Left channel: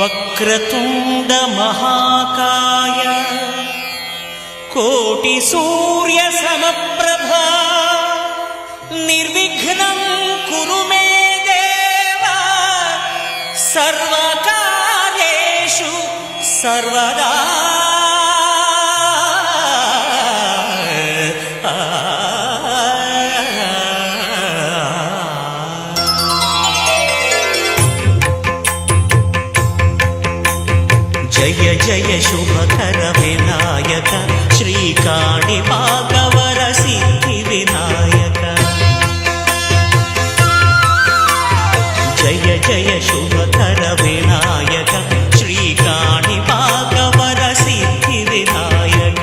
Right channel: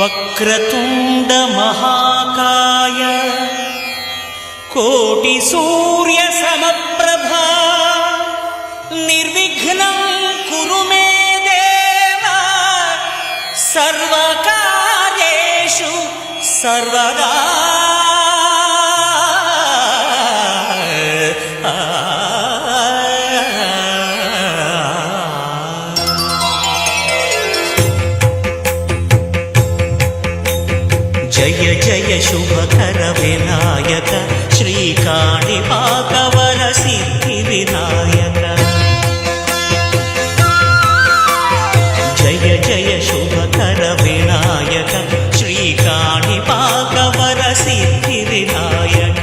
వక్రతుండ మహాకాయ కోటి సూర్య సమప్రభా నిర్విఘ్నం కురు మే దేవ సర్వకార్యేషు సర్వదా. జయ జయ శుభకర వినాయక శ్రీకాణిపాకవర సిద్ధి వినాయక. జయ జయ శుభకర వినాయక శ్రీకాణిపాకవర సిద్ధి వినాయక.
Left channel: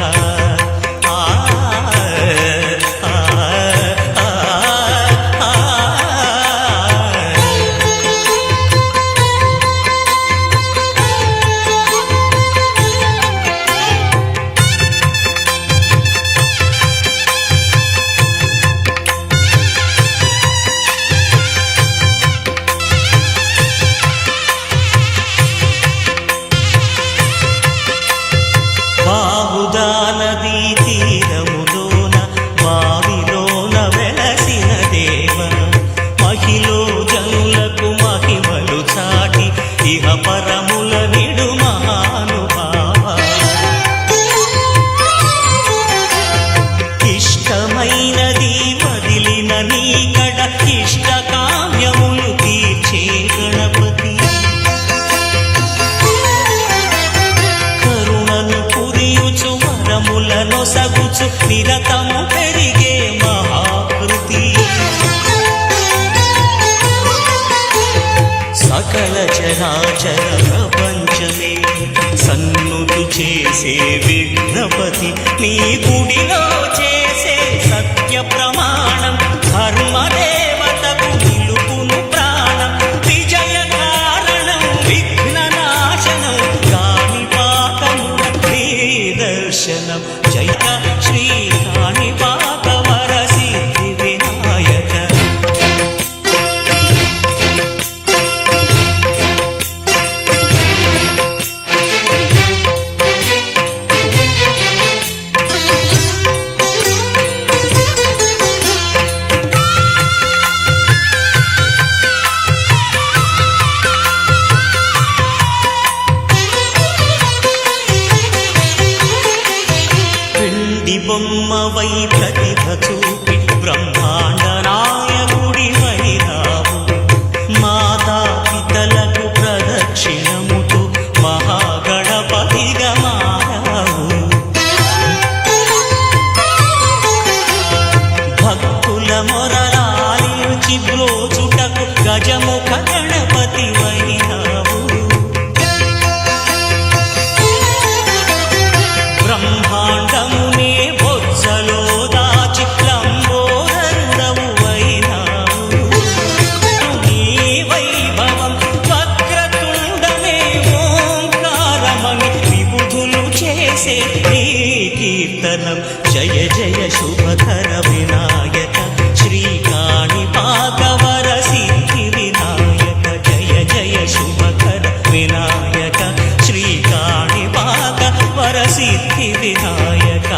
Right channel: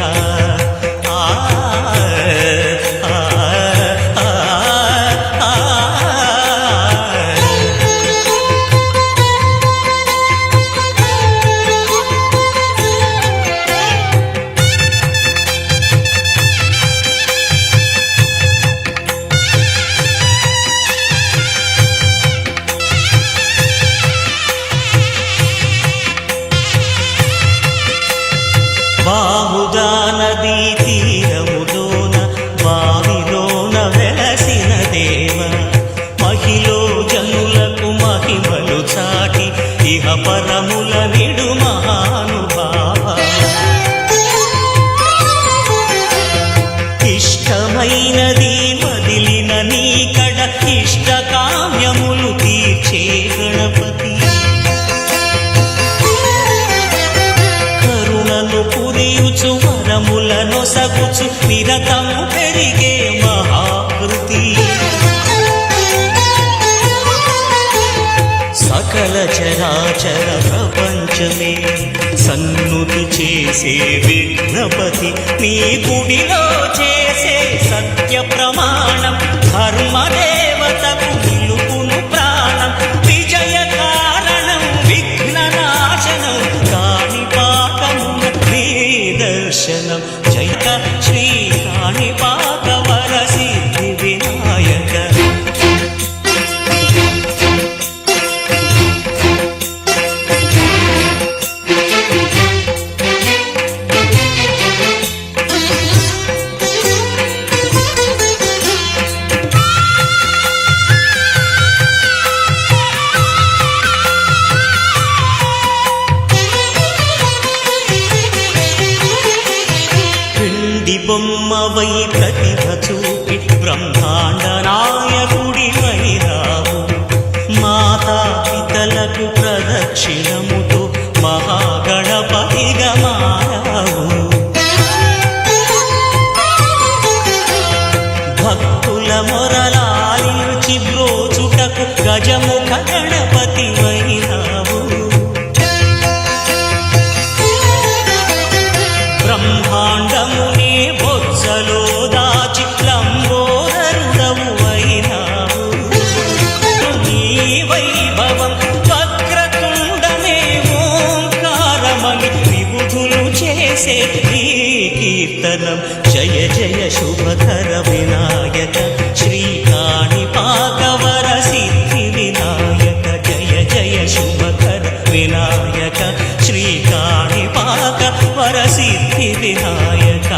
బాహుదా నదీ తీరములోన బావిలోన వెలసిన దేవ మహిలో జనులకు మహిమలు చాటి ఇహ పరముల నిడు మహానుభావ. ఇష్టమైనది వదిలిన నీకడ ఇష్ట కామ్యములు తీర్చే గణపతి. కరుణను పురియుచు వరములను సగుచు నిరతము పెరిగే మహాకృతి. సకల చరాచర ప్రపంచమే సన్నుతి చేసే విఘ్నపతి. నీ గుడిలో చేసే సత్య ప్రమాణం ధర్మదేవతకు నిలుపును ప్రాణం. విజయ కారణం విఘ్న నాశనం కాణిపాకమున నీ దర్శనం. జయ శ్రీ కాణిపాకవర సిద్ధి వినాయక. బొమ్మవై ప్రతిభ చూపి బ్రహ్మాండ నాయకుడివైరావు. మాతా పితలకు ప్రదక్షిణముతో మహాగణపతిగా మారావు. భక్తుల మొరలాలిచి బ్రోచుటకు గజముఖ గణపతివైరావు. బ్రహ్మాండమునే బొజ్జలో దాచి లంబోదరుడవు అయినావు. నీ వైభవం వక్రతుండమే ఓంకారమని విబుధులు చేసే నీ కీర్తనం. జయ జయ శుభకర వినాయక శ్రీకాణిపాకవర సిద్ధి వినాయక. జయ జయ శుభకర వినాయక శ్రీకాణిపాకవర సిద్ధి వినాయక.